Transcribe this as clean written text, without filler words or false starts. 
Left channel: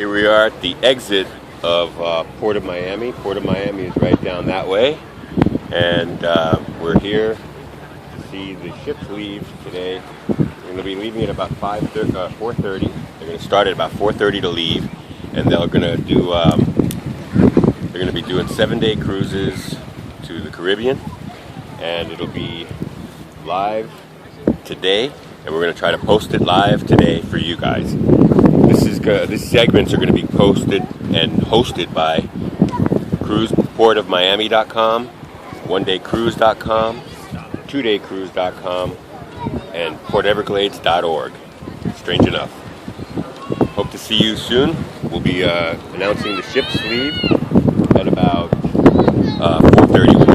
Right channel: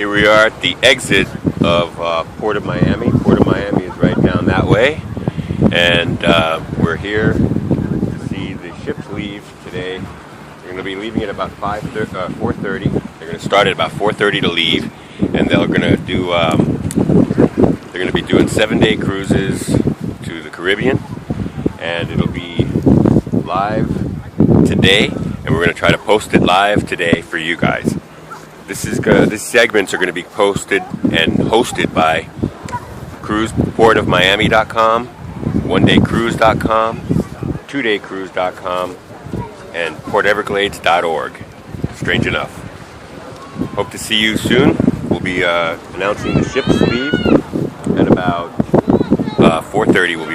Here we are at the exit of Port of Miami. Port of Miami is right down that way, and we're here to see the ships leave today. They're going to be leaving at about 4:30. They're going to start at about 4:30 to leave, and they're going to do. They're going to be doing 7-day cruises to the Caribbean, and it'll be live today, and we're going to try to post it live today for you guys. These segments are going to be posted and hosted by cruiseportofmiami.com, onedaycruise.com, 2daycruise.com, and porteverglades.org. Strange enough. Hope to see you soon. We'll be announcing the ship's leave at about 4:30.